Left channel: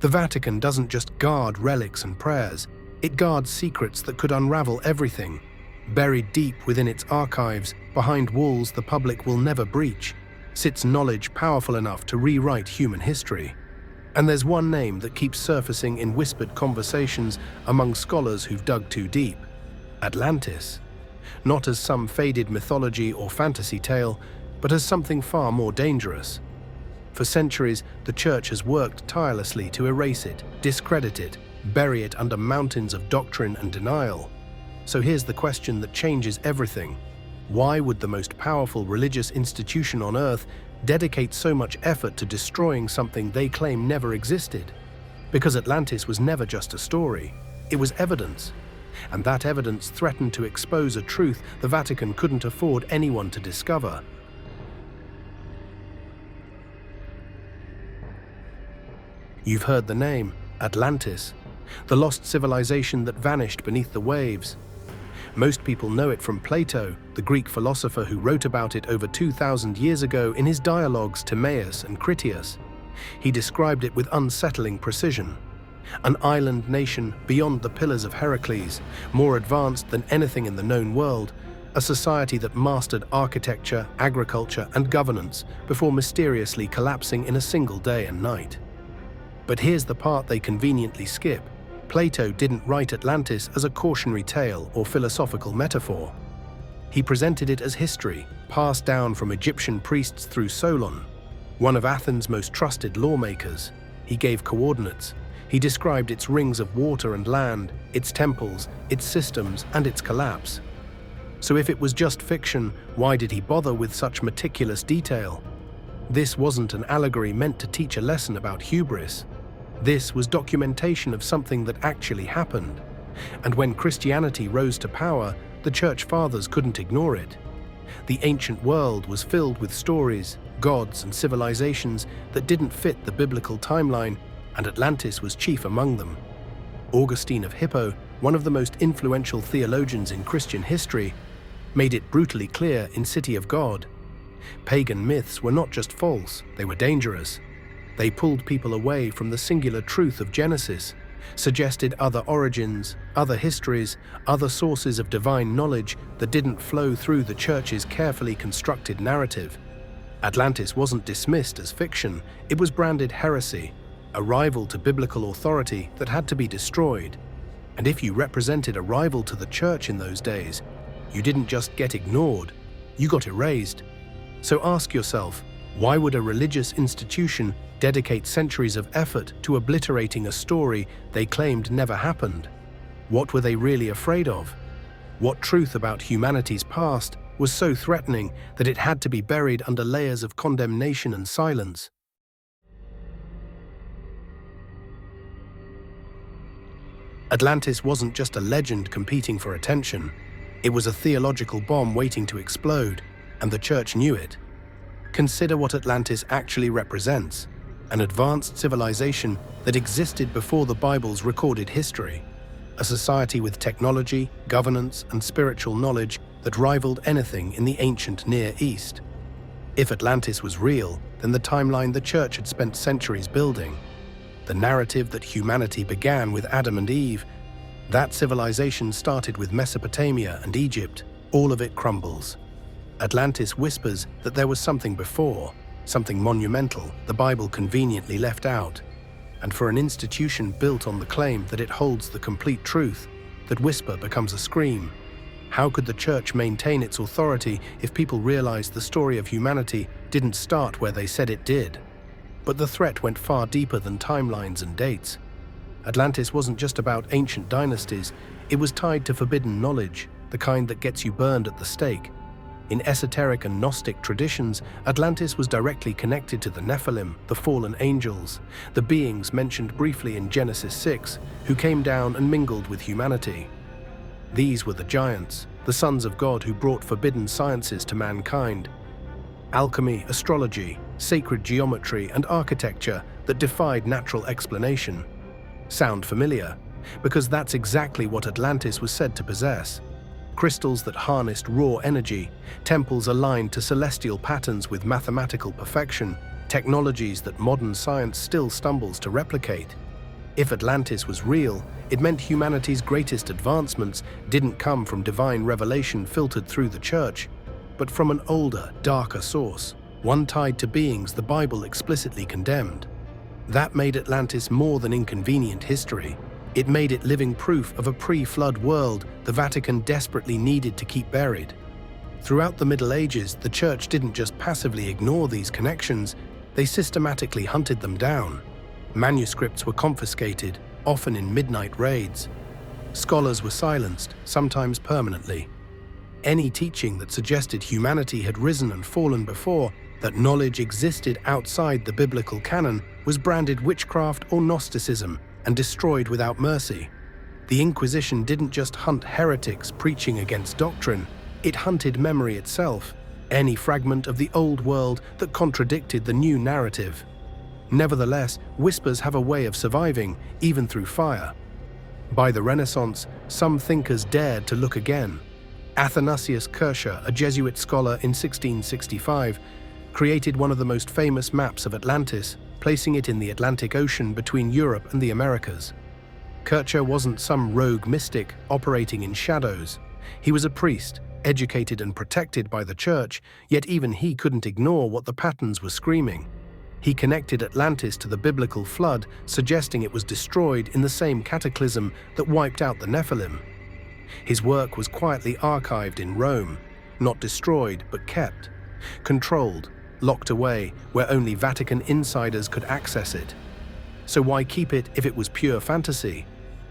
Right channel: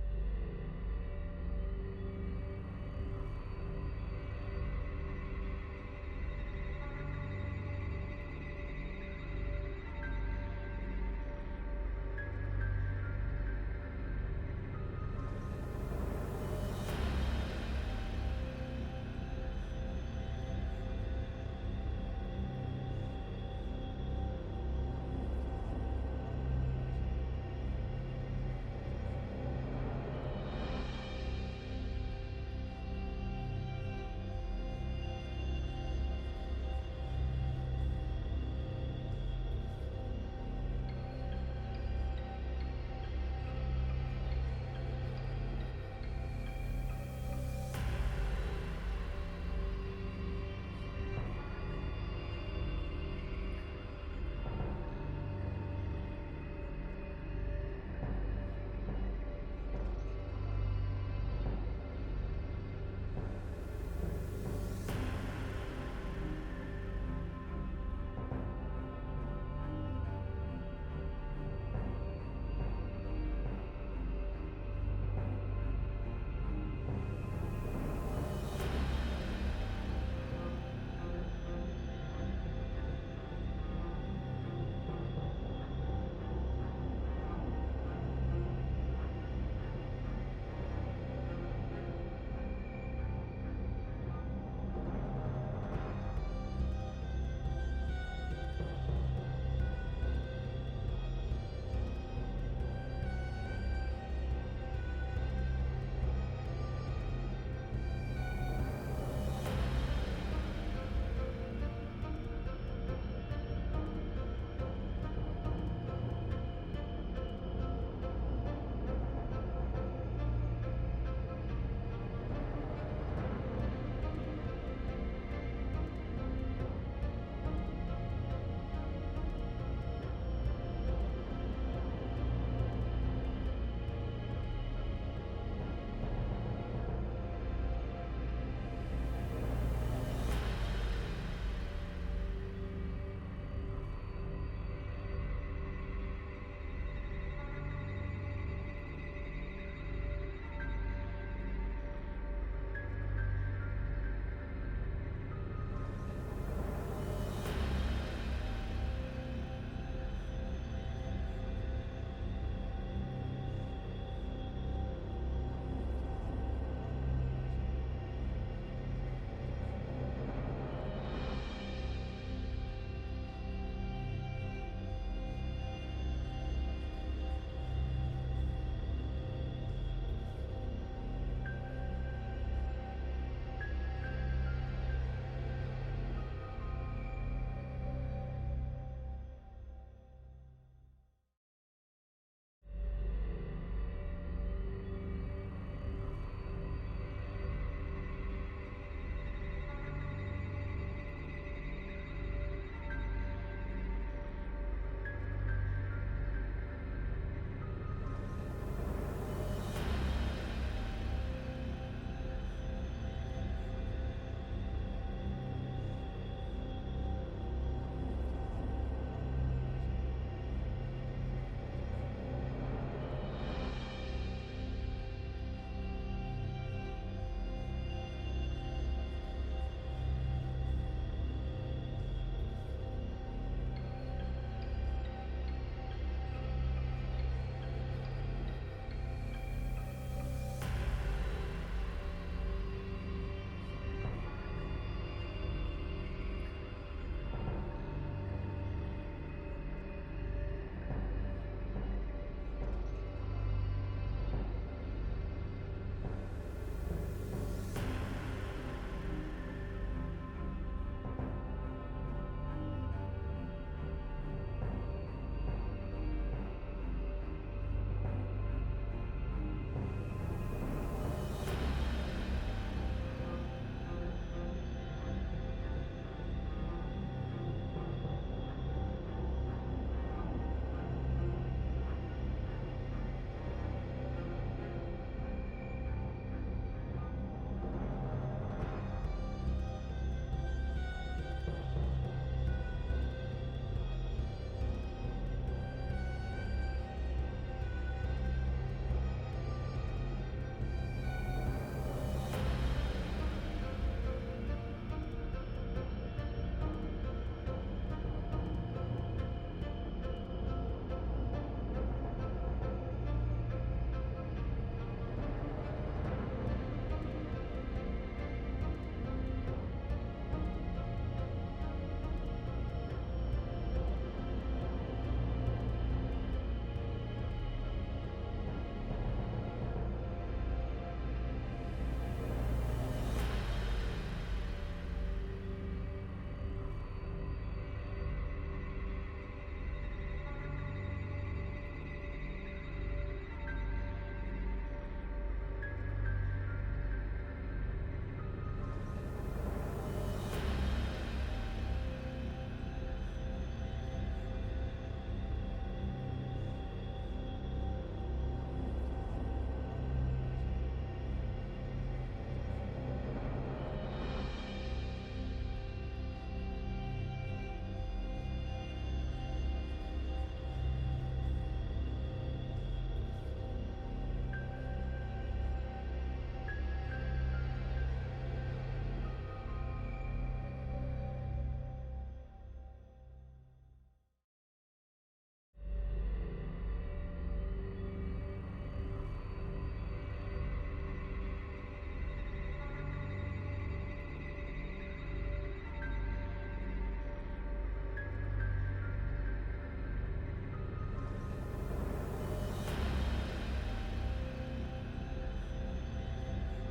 The Vatican doesn't just guard relics and prayers, it guards secrets that could unravel everything. Buried deep within its archives, behind walls the public will never breach, sits knowledge powerful enough to rewrite human history. And there's one name that keeps surfacing in whispered conversations among scholars who've dug too deep: Atlantis. Not as some faded mythology or fantasy tale, but as something far more dangerous. For centuries, the Church has worked tirelessly to erase it, discredit it, bury it under mountains of doctrine and denial. So here's the question that changes everything. Why would the most powerful religious institution on earth dedicate so much effort to destroying something they claim never existed? Because Atlantis was never just a story, it was evidence. And that evidence threatened to expose a truth the Vatican couldn't afford anyone to discover. You've heard the name, Atlantis, the lost civilization that vanished beneath the waves. Most people know it from Plato, the Greek philosopher who wrote about it over 2,000 years ago in his dialogues Timaeus and Critias. He described it with unsettling precision. An island nation beyond the pillars of Heracles, more advanced than anything in the known world, a society that mastered architecture, agriculture, and governance before mysteriously collapsing in a single day and night. But here's the part they conveniently skip. Plato didn't write Atlantis as a cautionary tale or philosophical metaphor. He presented it as history, passed down from Egyptian priests through Solon, one of Athens' most trusted lawmakers. He gave coordinates. He described its rings of water and land, its temples, its systems, and its collapse. So if it was just fiction, why did he bother with such meticulous detail? This wasn't an allegory meant to teach a lesson about hubris. This was documentation of something that actually happened. And when Christianity rose to power, the Church Fathers couldn't ignore it. The ancient world was filled with stories, gods, and civilizations that didn't fit the biblical timeline, and Atlantis was chief among them. Augustine of Hippo, one of the most influential theologians in Christian history, made it brutally clear in City of God. Pagan myths were not just false, they were dangerous. They pulled people away from the singular truth of Genesis, suggested other origins, other histories, other sources of divine knowledge that didn't flow through the Church's carefully constructed narrative. Atlantis wasn't dismissed as fiction, it was branded heresy, a rival to biblical authority that had to be destroyed. And if you represented a rival to the Church in those days, you didn't just get ignored, you got erased. So ask yourself, why would a religious institution dedicate centuries of effort to obliterating a story they claimed never happened? What were they really afraid of? What truth about humanity's past was so threatening that it had to be buried under layers of condemnation and silence? Atlantis wasn't just a legend competing for attention. It was a theological bomb waiting to explode, and the Church knew it. Consider what Atlantis actually represents: an advanced civilization that existed before the Bible's recorded history, a society with technology, governance, and spiritual knowledge that rivaled anything in the ancient Near East. If Atlantis was real, then the timeline the Church had spent centuries building, the narrative that humanity began with Adam and Eve, that civilization started with Mesopotamia and Egypt, all of it crumbles. Atlantis whispers that there was something before, something monumental the Bible conveniently left out. And for an institution built on the claim that it holds the complete truth, that whisper becomes a scream. How could the Church maintain its authority if people realized the story of humanity didn't start where they said it did? But the threat went far deeper than timelines and dates. Atlantis wasn't just about ancient dynasties, it was tied to forbidden knowledge, the kind that gets you burned at the stake. In esoteric and Gnostic traditions, Atlantis was directly connected to the Nephilim, the fallen angels, the beings mentioned briefly in Genesis 6, who came down and mingled with humanity. These were the giants, the sons of God who brought forbidden sciences to mankind. Alchemy, astrology, sacred geometry, and architecture that defied natural explanation. Sound familiar? Because that's exactly what Atlantis was said to possess. Crystals that harnessed raw energy, temples aligned to celestial patterns with mathematical perfection, technologies that modern science still stumbles to replicate. If Atlantis was real, it meant humanity's greatest advancements didn't come from divine revelation filtered through the church, but from an older, darker source, one tied to beings the Bible explicitly condemned. That made Atlantis more than inconvenient history. It made it living proof of a pre-flood world the Vatican desperately needed to keep buried. Throughout the Middle Ages, the Church didn't just passively ignore these connections, they systematically hunted them down. Manuscripts were confiscated, often in midnight raids. Scholars were silenced, sometimes permanently. Any teaching that suggested humanity had risen and fallen before, that knowledge existed outside the biblical canon, was branded witchcraft or Gnosticism and destroyed without mercy. The Inquisition didn't just hunt heretics preaching against doctrine, it hunted memory itself, any fragment of the old world that contradicted the new narrative. Nevertheless, whispers have a way of surviving, even through fire. By the Renaissance, some thinkers dared to look again. Athanasius Kircher, a Jesuit scholar in 1665, created one of the most famous maps of Atlantis, placing it in the Atlantic Ocean between Europe and the Americas. Kircher wasn't some rogue mystic operating in shadows. He was a priest, educated and protected by the church, yet even he couldn't ignore what the patterns were screaming. He connected Atlantis to the biblical flood, suggesting it was destroyed in the same cataclysm that wiped out the Nephilim. His work was quietly archived in Rome, not destroyed but kept, controlled, locked away where only Vatican insiders could access it. So why keep it if it was pure fantasy?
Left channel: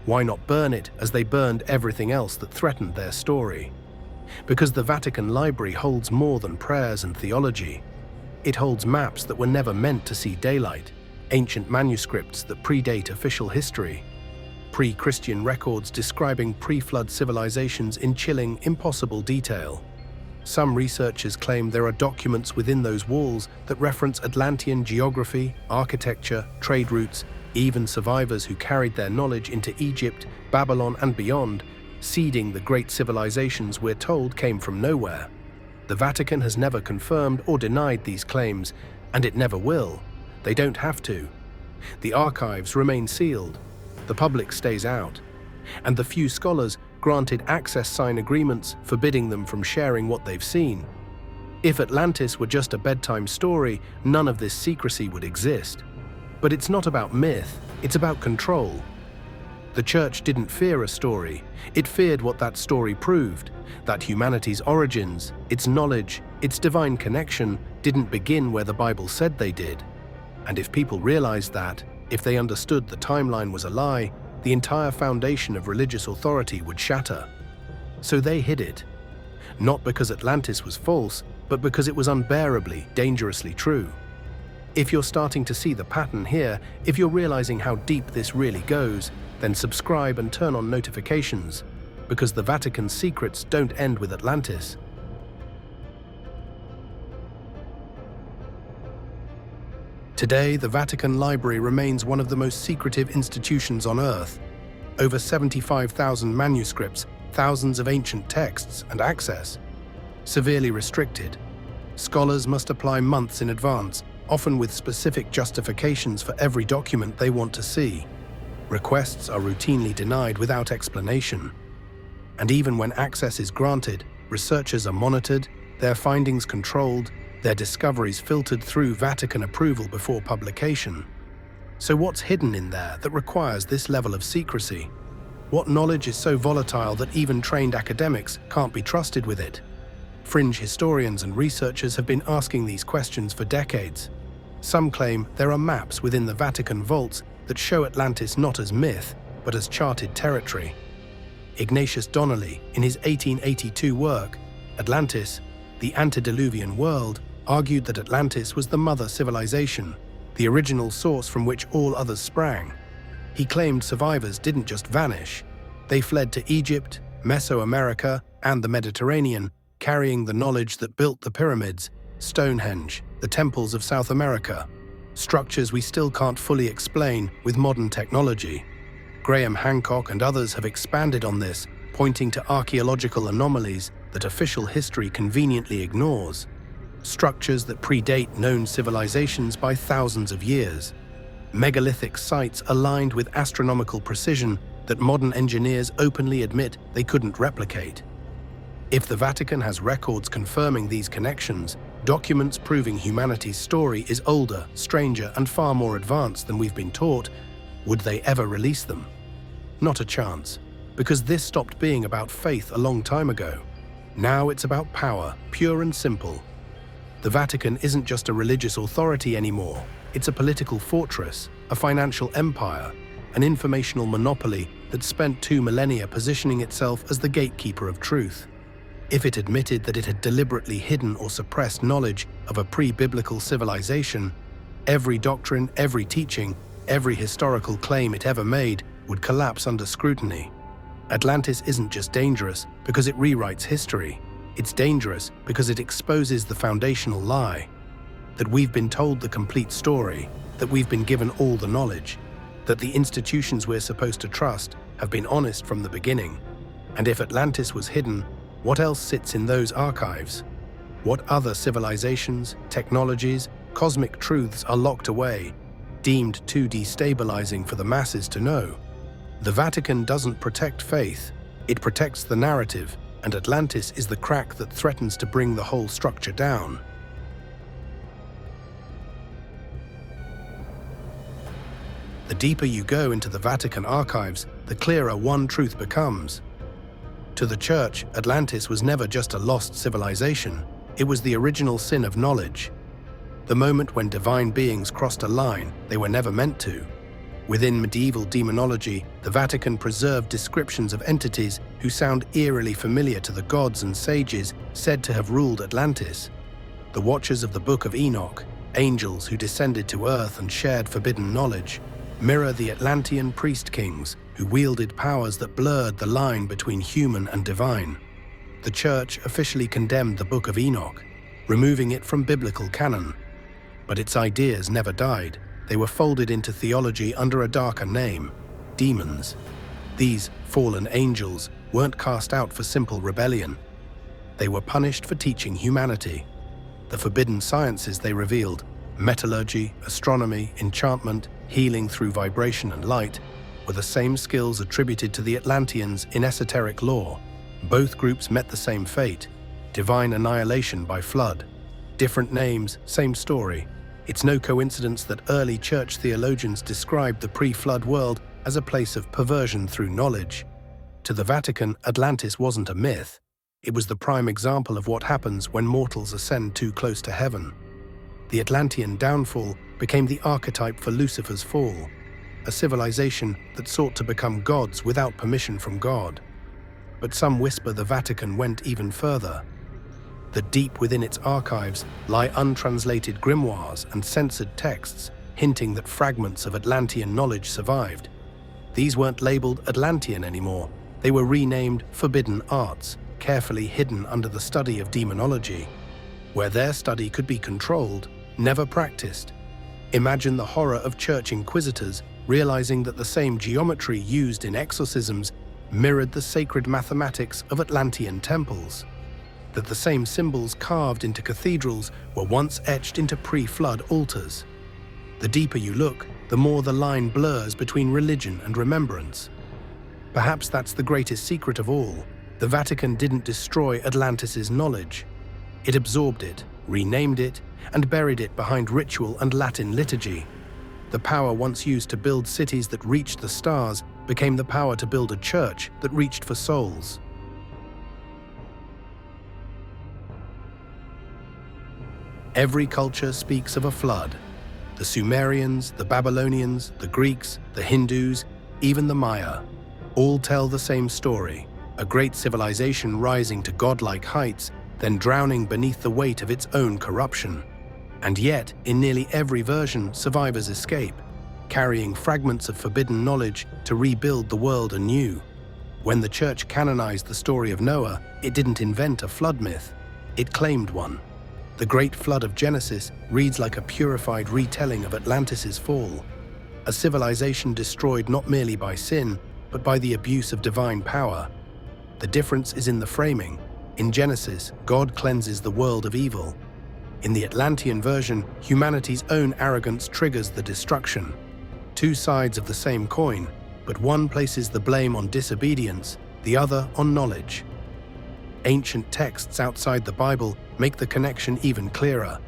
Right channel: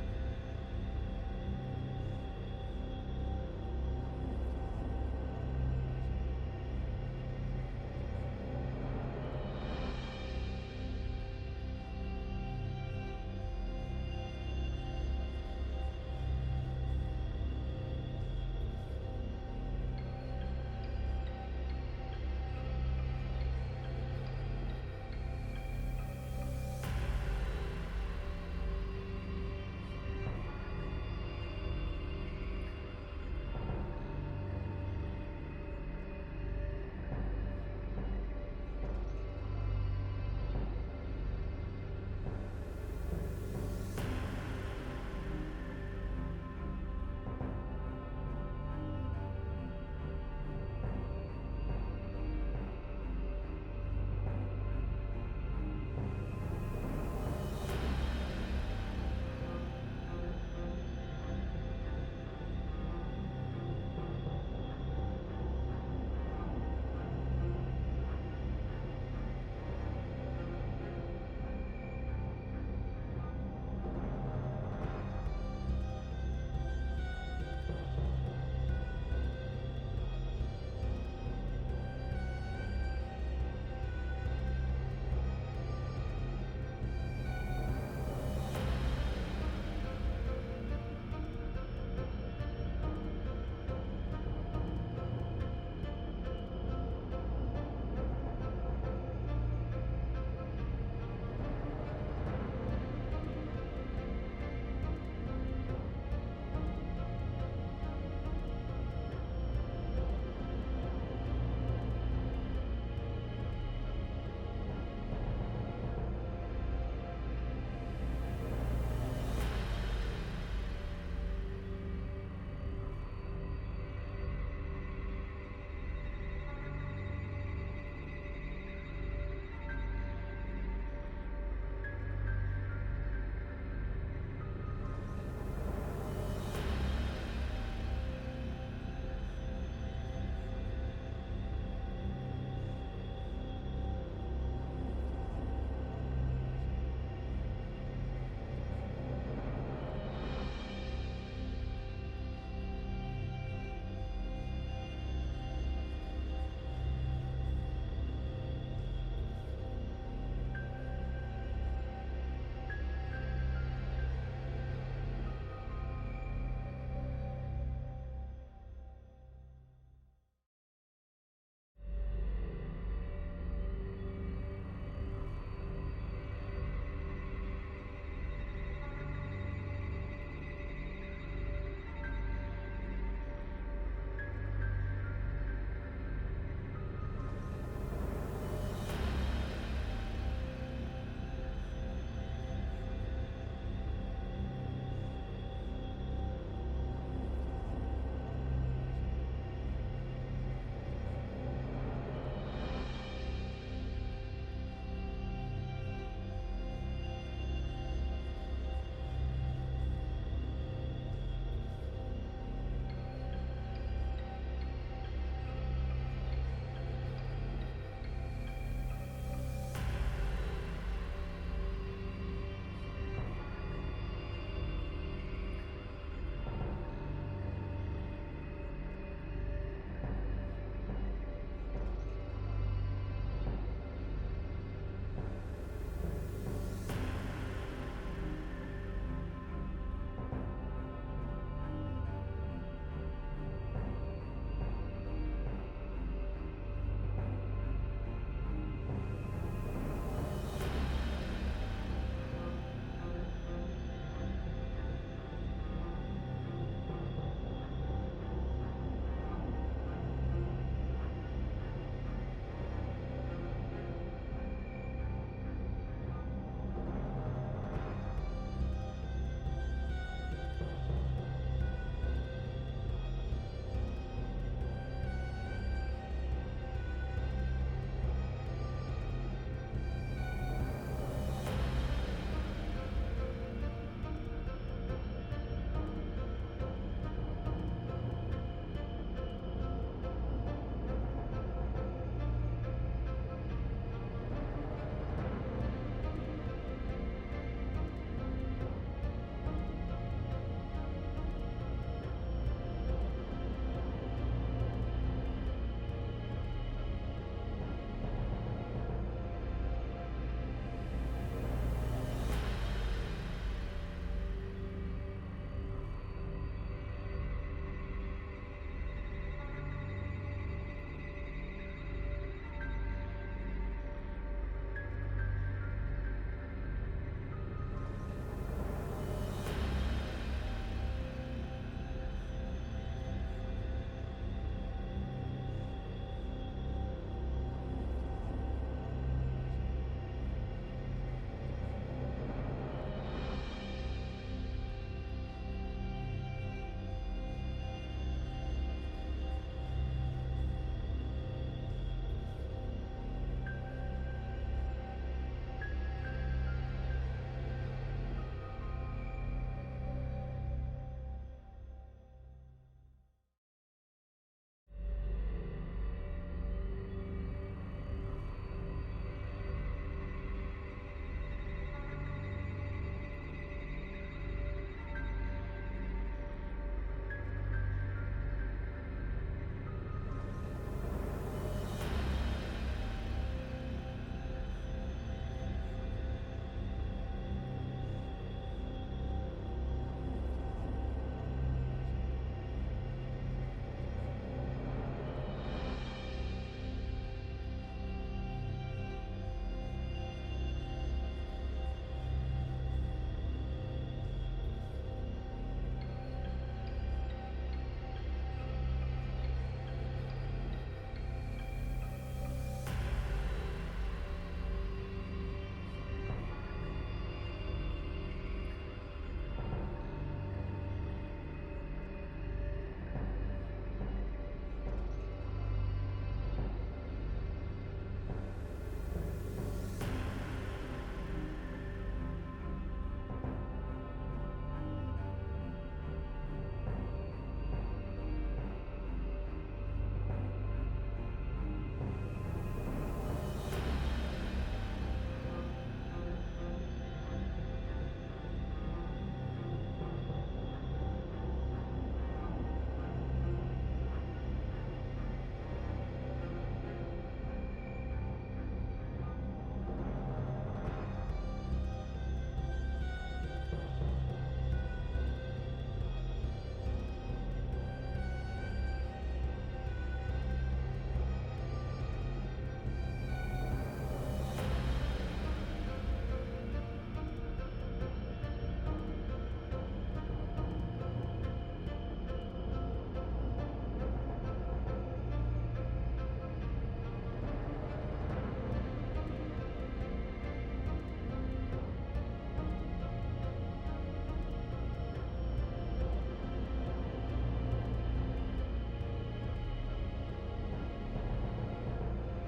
Why not burn it as they burned everything else that threatened their story? Because the Vatican Library holds more than prayers and theology. It holds maps that were never meant to see daylight, ancient manuscripts that predate official history, pre-Christian records describing pre-flood civilizations in chilling, impossible detail. Some researchers claim there are documents within those walls that reference Atlantean geography, architecture, trade routes, even survivors who carried their knowledge into Egypt, Babylon, and beyond, seeding the great civilizations we're told came from nowhere. The Vatican has never confirmed or denied these claims, and it never will. They don't have to. The archives remain sealed, the public stays out, and the few scholars granted access sign agreements forbidding them from sharing what they've seen. If Atlantis were just a bedtime story, none of this secrecy would exist. But it's not about myth, it's about control. The church didn't fear a story, it feared what that story proved, that humanity's origins, its knowledge, its divine connection didn't begin where the Bible said they did. And if people realized that, if they understood the timeline was a lie, the entire foundation of religious authority would shatter. So they hid it. Not because Atlantis was false, but because it was unbearably, dangerously true. If you're starting to see the pattern here, if you're realizing how deep this really goes, then subscribe and turn on notifications, because the Vatican's secrets don't end with Atlantis. Today, the Vatican Library remains one of the most secretive institutions on Earth. Over 75,000 manuscripts, thousands of ancient texts, and access. Severely restricted. Scholars must apply months in advance, often with specific justifications for every document they want to see. Requests are routinely denied without explanation. And even when access is granted, researchers are monitored, their findings controlled, their discoveries filtered through Vatican approval before publication. So what's hidden in there that requires this level of secrecy? What knowledge is so volatile that even trained academics can't be trusted with it? Fringe historians and researchers have been asking these questions for decades. Some claim there are maps within the Vatican vaults that show Atlantis not as myth, but as charted territory. Ignatius Donnelly, in his 1882 work, Atlantis, the Antediluvian World, argued that Atlantis was the mother civilization, the original source from which all others sprang. He claimed survivors didn't just vanish. They fled to Egypt, Mesoamerica, and the Mediterranean, carrying the knowledge that built the pyramids, Stonehenge, the temples of South America, structures we still can't fully explain with modern technology. Graham Hancock and others have expanded on this, pointing to archaeological anomalies that official history conveniently ignores, structures that predate known civilizations by thousands of years. megalithic sites aligned with astronomical precision that modern engineers openly admit they couldn't replicate. If the Vatican has records confirming these connections, documents proving humanity's story is older, stranger, and far more advanced than we've been taught, would they ever release them? Not a chance, because this stopped being about faith a long time ago. Now it's about power, pure and simple. The Vatican isn't just a religious authority anymore. It's a political fortress, a financial empire, an informational monopoly that spent 2 millennia positioning itself as the gatekeeper of truth. If it admitted that it had deliberately hidden or suppressed knowledge of a pre-biblical civilization, every doctrine, every teaching, every historical claim it ever made would collapse under scrutiny. Atlantis isn't just dangerous because it rewrites history. It's dangerous because it exposes the foundational lie, that we've been told the complete story, that we've been given all the knowledge, that the institutions we're supposed to trust have been honest from the beginning. And if Atlantis was hidden, what else sits in those archives? What other civilizations, technologies, cosmic truths are locked away, deemed too destabilizing for the masses to know? The Vatican doesn't protect faith, it protects the narrative, and Atlantis is the crack that threatens to bring the whole structure down. The deeper you go into the Vatican archives, the clearer one truth becomes. To the Church, Atlantis was never just a lost civilization. It was the original sin of knowledge. The moment when divine beings crossed a line they were never meant to. Within medieval demonology, the Vatican preserved descriptions of entities who sound eerily familiar to the gods and sages said to have ruled Atlantis. The Watchers of the Book of Enoch, angels who descended to earth and shared forbidden knowledge, mirror the Atlantean priest kings who wielded powers that blurred the line between human and divine. The Church officially condemned the Book of Enoch, removing it from biblical canon. But its ideas never died. They were folded into theology under a darker name, demons. These fallen angels weren't cast out for simple rebellion. They were punished for teaching humanity. The forbidden sciences they revealed, metallurgy, astronomy, enchantment, healing through vibration and light, were the same skills attributed to the Atlanteans in esoteric lore. Both groups met the same fate, divine annihilation by flood. Different names, same story. It's no coincidence that early church theologians described the pre-flood world as a place of perversion through knowledge. To the Vatican, Atlantis wasn't a myth. It was the prime example of what happens when mortals ascend too close to heaven. The Atlantean downfall became the archetype for Lucifer's fall, a civilization that sought to become gods without permission from God. But some whisper the Vatican went even further. That deep within its archives lie untranslated grimoires and censored texts, hinting that fragments of Atlantean knowledge survived. These weren't labeled Atlantean anymore. They were renamed forbidden arts, carefully hidden under the study of demonology, where their study could be controlled, never practiced. Imagine the horror of church inquisitors realizing that the same geometry used in exorcisms mirrored the sacred mathematics of Atlantean temples, that the same symbols carved into cathedrals were once etched into pre-flood altars. The deeper you look, the more the line blurs between religion and remembrance. Perhaps that's the greatest secret of all. The Vatican didn't destroy Atlantis's knowledge. It absorbed it, renamed it, and buried it behind ritual and Latin liturgy. The power once used to build cities that reached the stars became the power to build a church that reached for souls. Every culture speaks of a flood. The Sumerians, the Babylonians, the Greeks, the Hindus, even the Maya, all tell the same story, a great civilization rising to godlike heights, then drowning beneath the weight of its own corruption. And yet, in nearly every version, survivors escape, carrying fragments of forbidden knowledge to rebuild the world anew. When the Church canonized the story of Noah, it didn't invent a flood myth, it claimed one. The Great Flood of Genesis reads like a purified retelling of Atlantis's fall, a civilization destroyed not merely by sin, but by the abuse of divine power. The difference is in the framing. In Genesis, God cleanses the world of evil. In the Atlantean version, humanity's own arrogance triggers the destruction. Two sides of the same coin, but one places the blame on disobedience, the other on knowledge. Ancient texts outside the Bible make the connection even clearer.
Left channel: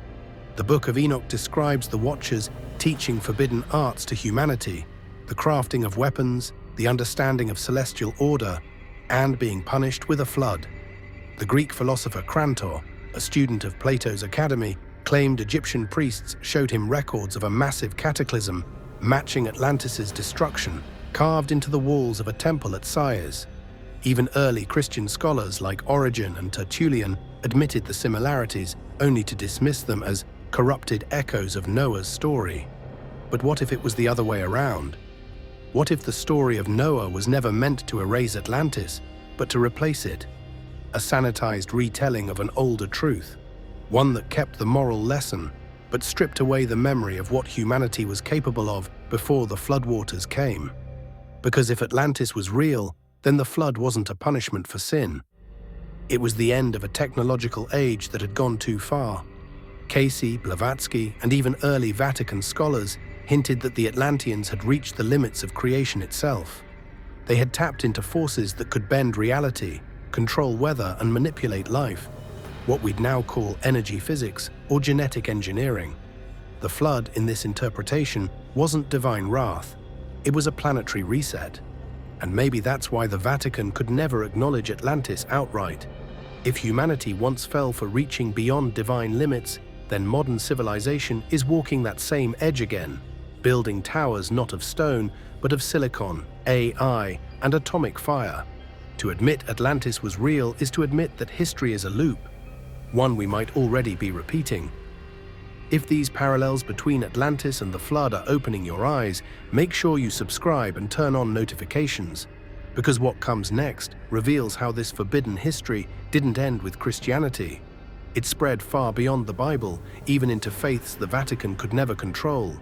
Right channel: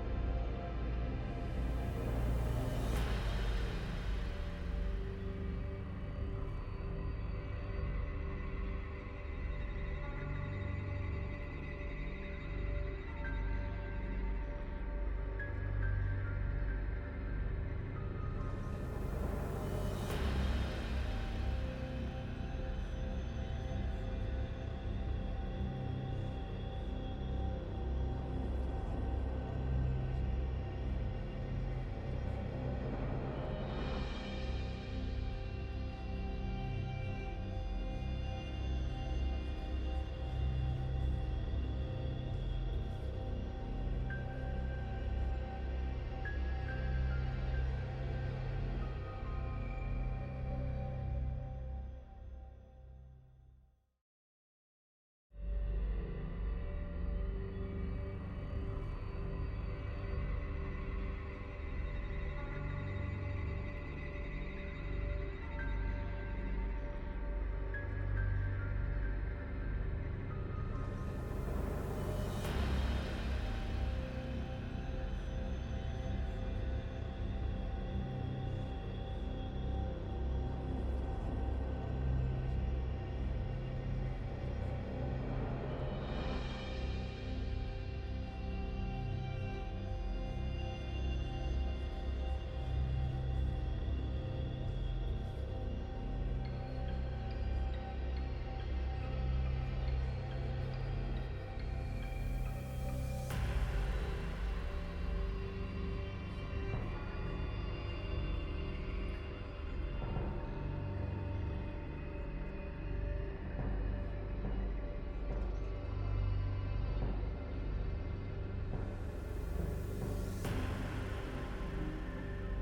The Book of Enoch describes the Watchers teaching forbidden arts to humanity, the crafting of weapons, the understanding of celestial order, and being punished with a flood. The Greek philosopher Crantor, a student of Plato's academy, claimed Egyptian priests showed him records of a massive cataclysm matching Atlantis' destruction, carved into the walls of a temple at Sais. Even early Christian scholars like Origen and Tertullian admitted the similarities, only to dismiss them as corrupted echoes of Noah's story. But what if it was the other way around? What if the story of Noah was never meant to erase Atlantis, but to replace it? A sanitized retelling of an older truth, one that kept the moral lesson, but stripped away the memory of what humanity was capable of before the floodwaters came. Because if Atlantis was real, then the flood wasn't a punishment for sin. It was the end of a technological age that had gone too far. Casey, Blavatsky, and even early Vatican scholars hinted that the Atlanteans had reached the limits of creation itself. They had tapped into forces that could bend reality, control weather, and manipulate life, what we'd now call energy physics or genetic engineering. The flood, in this interpretation, wasn't divine wrath. It was a planetary reset. And maybe that's why the Vatican could never acknowledge Atlantis outright. If humanity once fell for reaching beyond divine limits, then modern civilization is walking that same edge again, building towers not of stone, but of silicon, AI, and atomic fire. To admit Atlantis was real is to admit that history is a loop, one we might already be repeating. If these parallels between Atlantis and the flood are opening your eyes, make sure you subscribe and turn on notifications, because what comes next reveals how this forbidden history didn't end with Christianity. It spread far beyond the Bible, even into faiths the Vatican could never control.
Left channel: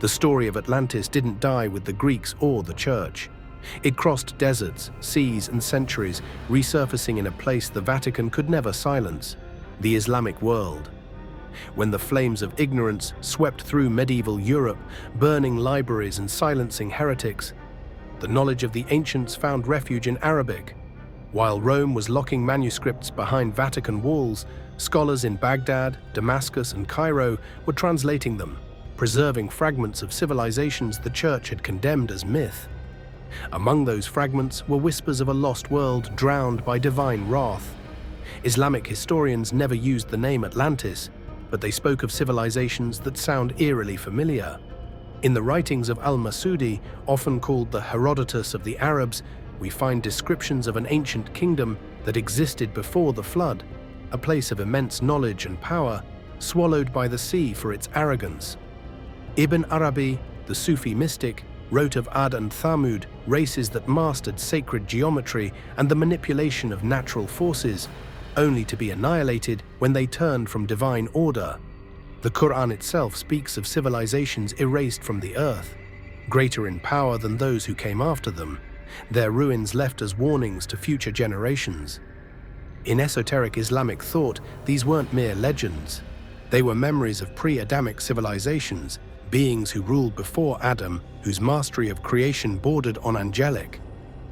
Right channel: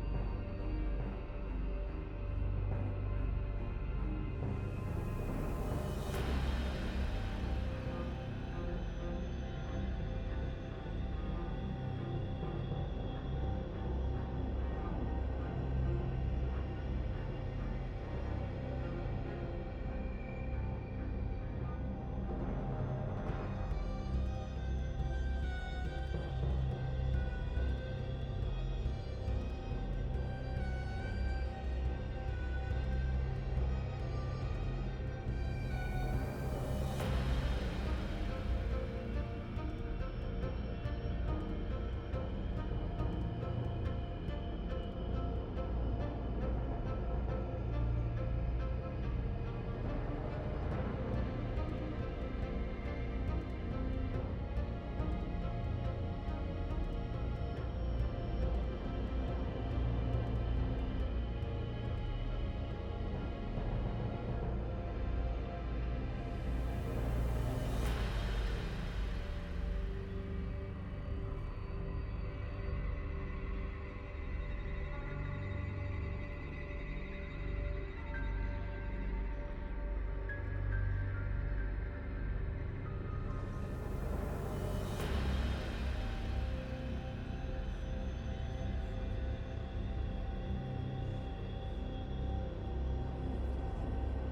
The story of Atlantis didn't die with the Greeks or the Church. It crossed deserts, seas, and centuries, resurfacing in a place the Vatican could never silence: the Islamic world. When the flames of ignorance swept through medieval Europe, burning libraries and silencing heretics, the knowledge of the ancients found refuge in Arabic. While Rome was locking manuscripts behind Vatican walls, scholars in Baghdad, Damascus, and Cairo were translating them, preserving fragments of civilizations the Church had condemned as myth. Among those fragments were whispers of a lost world drowned by divine wrath. Islamic historians never used the name Atlantis, but they spoke of civilizations that sound eerily familiar. In the writings of al-Masudi, often called the Herodotus of the Arabs, we find descriptions of an ancient kingdom that existed before the flood, a place of immense knowledge and power, swallowed by the sea for its arrogance. Ibn Arabi, the Sufi mystic, wrote of Ad and Thamud, races that mastered sacred geometry and the manipulation of natural forces, only to be annihilated when they turned from divine order. The Quran itself speaks of civilizations erased from the earth, greater in power than those who came after them, their ruins left as warnings to future generations. In esoteric Islamic thought, these weren't mere legends. They were memories of pre-Adamic civilizations, beings who ruled before Adam, whose mastery of creation bordered on angelic.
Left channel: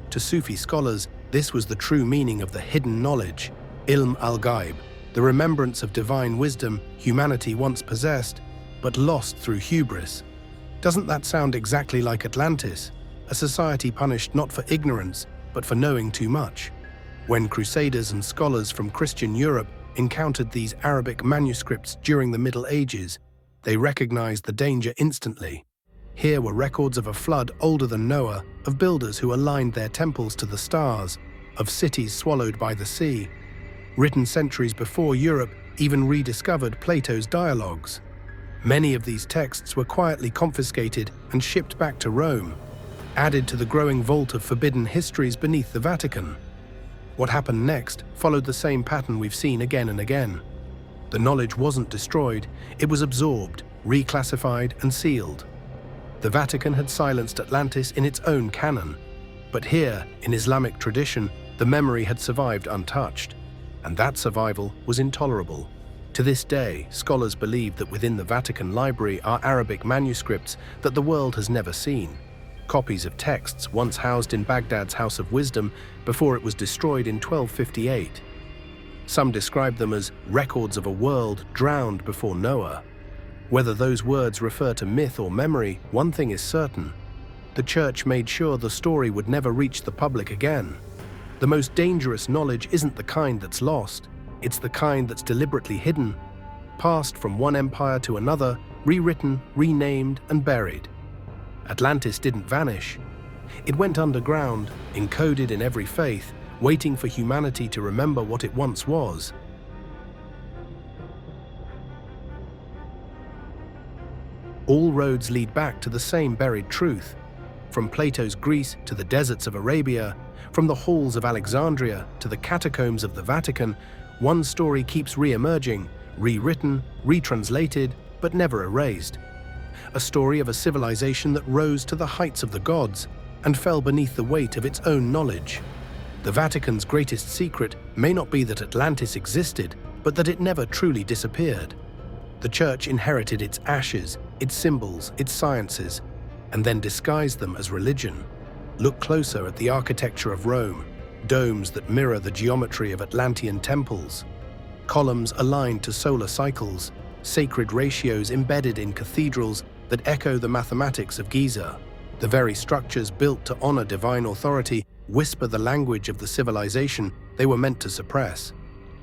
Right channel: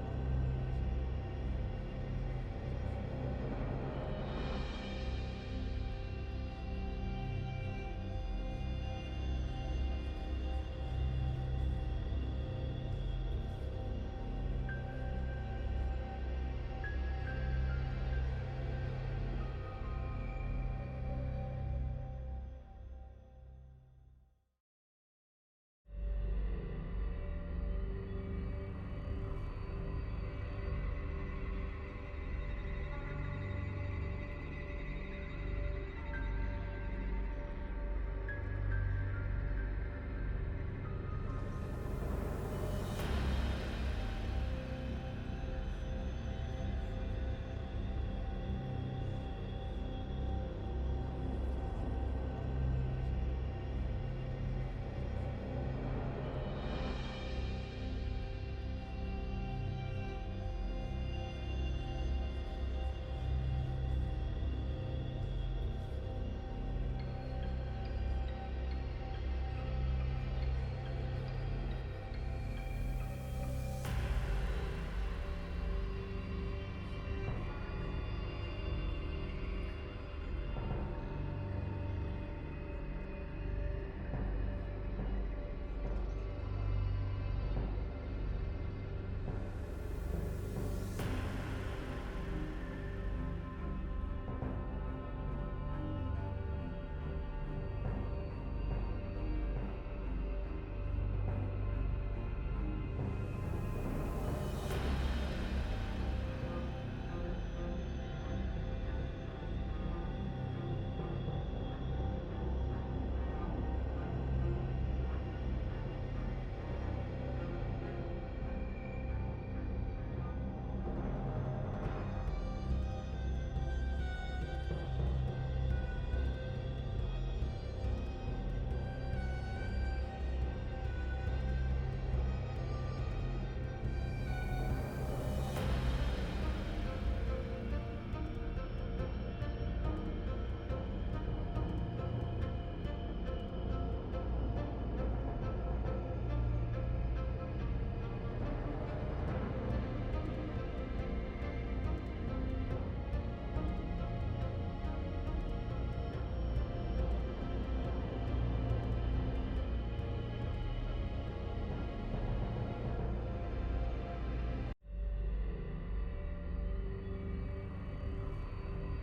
To Sufi scholars, this was the true meaning of the hidden knowledge, ilm al-ghaib, the remembrance of divine wisdom humanity once possessed, but lost through hubris. Doesn't that sound exactly like Atlantis, a society punished not for ignorance, but for knowing too much? When crusaders and scholars from Christian Europe encountered these Arabic manuscripts during the Middle Ages, they recognized the danger instantly. Here were records of a flood older than Noah, of builders who aligned their temples to the stars, of cities swallowed by the sea, written centuries before Europe even rediscovered Plato's dialogues. Many of these texts were quietly confiscated and shipped back to Rome, added to the growing vault of forbidden histories beneath the Vatican. What happened next followed the same pattern we've seen again and again. The knowledge wasn't destroyed, it was absorbed, reclassified, and sealed. The Vatican had silenced Atlantis in its own canon, but here, in Islamic tradition, the memory had survived untouched, and that survival was intolerable. To this day, scholars believe that within the Vatican Library are Arabic manuscripts that the world has never seen, copies of texts once housed in Baghdad's House of Wisdom before it was destroyed in 1258. Some describe them as records of a world drowned before Noah. Whether those words refer to myth or memory, one thing is certain. The Church made sure the story would never reach the public again. The most dangerous knowledge isn't the kind that's lost, it's the kind that's deliberately hidden, passed from one empire to another, rewritten, renamed, and buried. Atlantis didn't vanish. It went underground, encoded in every faith, waiting for humanity to remember what it once was. All roads lead back to the same buried truth. From Plato's Greece to the deserts of Arabia, from the halls of Alexandria to the catacombs of the Vatican, one story keeps re-emerging, rewritten, retranslated, but never erased. A story of a civilization that rose to the heights of the gods and fell beneath the weight of its own knowledge. The Vatican's greatest secret may not be that Atlantis existed, but that it never truly disappeared. The Church inherited its ashes, its symbols, its sciences, and then disguised them as religion. Look closer at the architecture of Rome, domes that mirror the geometry of Atlantean temples, columns aligned to solar cycles, sacred ratios embedded in cathedrals that echo the mathematics of Giza. The very structures built to honor divine authority whisper the language of the civilization they were meant to suppress.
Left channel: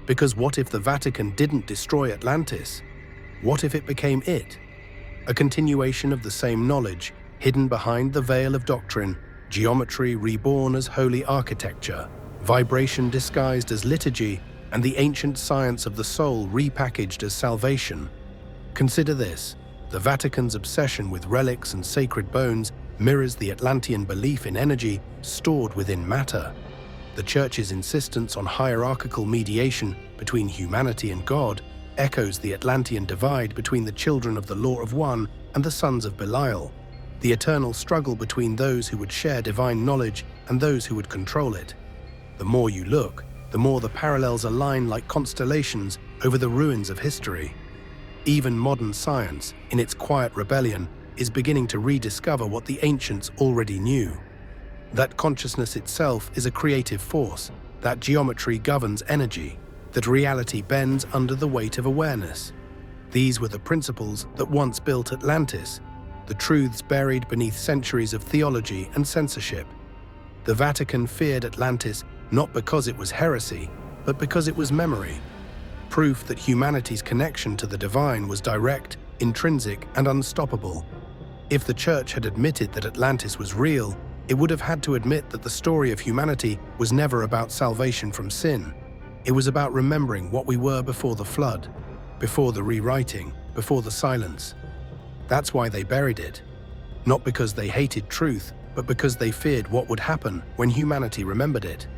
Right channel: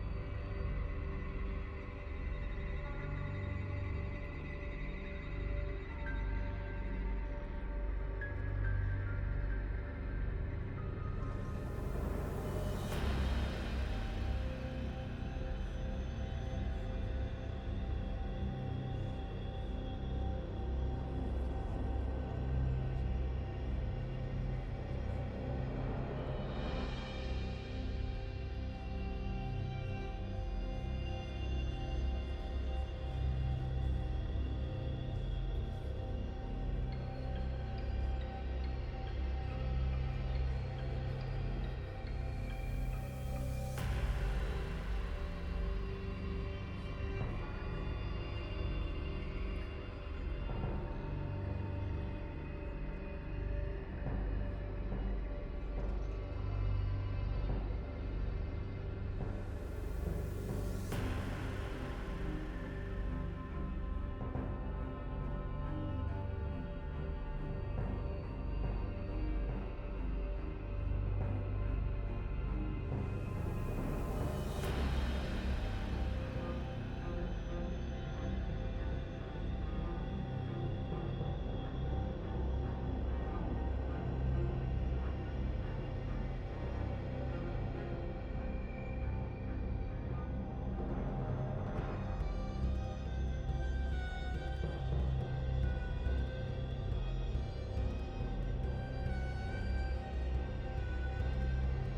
Because what if the Vatican didn't destroy Atlantis? What if it became it? A continuation of the same knowledge, hidden behind the veil of doctrine, geometry reborn as holy architecture, vibration disguised as liturgy, and the ancient science of the soul repackaged as salvation. Consider this: the Vatican's obsession with relics and sacred bones mirrors the Atlantean belief in energy stored within matter. The Church's insistence on hierarchical mediation between humanity and God echoes the Atlantean divide between the children of the Law of One and the sons of Belial, the eternal struggle between those who would share divine knowledge and those who would control it. The more you look, the more the parallels align like constellations over the ruins of history. Even modern science, in its quiet rebellion, is beginning to rediscover what the ancients already knew. That consciousness itself is a creative force, that geometry governs energy, that reality bends under the weight of awareness. These were the principles that once built Atlantis, the truths buried beneath centuries of theology and censorship. The Vatican feared Atlantis not because it was heresy, but because it was memory, proof that humanity's connection to the divine was direct, intrinsic, and unstoppable. If the Church had admitted that Atlantis was real, it would have had to admit that the story of humanity was never about salvation from sin. It was about remembering what we were before the flood, before the rewriting, before the silence. That's why they buried it. Not because they hated truth, but because they feared what would happen when humanity remembered it.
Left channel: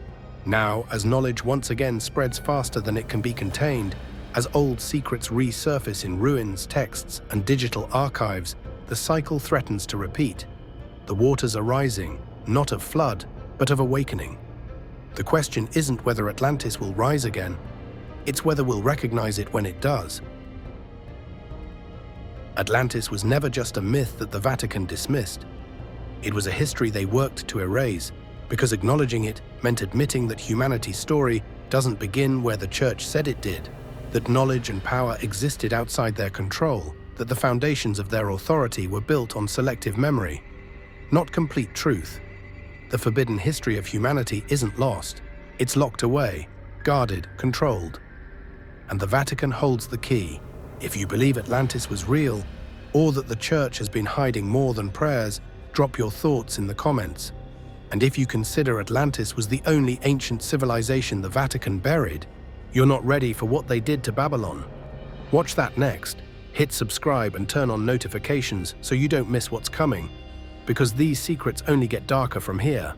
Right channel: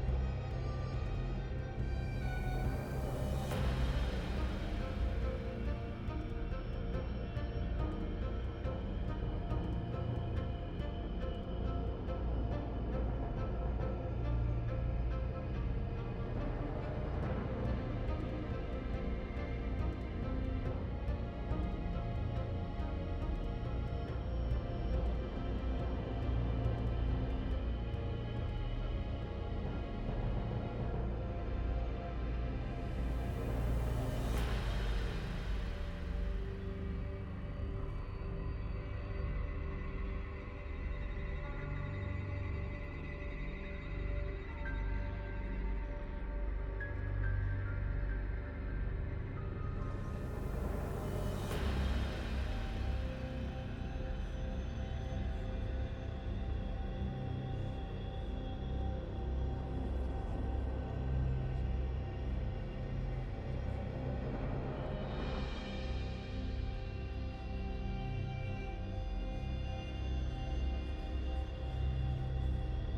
Now, as knowledge once again spreads faster than it can be contained, as old secrets resurface in ruins, texts, and digital archives, the cycle threatens to repeat. The waters are rising, not of flood, but of awakening. The question isn't whether Atlantis will rise again, it's whether we'll recognize it when it does. Atlantis was never just a myth that the Vatican dismissed. It was a history they worked to erase, because acknowledging it meant admitting that humanity's story doesn't begin where the Church said it did, that knowledge and power existed outside their control, that the foundations of their authority were built on selective memory, not complete truth. The forbidden history of humanity isn't lost. It's locked away, guarded, controlled. And the Vatican holds the key. If you believe Atlantis was real, or that the Church has been hiding more than prayers, drop your thoughts in the comments. And if you consider Atlantis was the only ancient civilization the Vatican buried, you're not ready for what they did to Babylon. Watch that next. Hit subscribe and turn on notifications so you don't miss what's coming, because these secrets only get darker from here.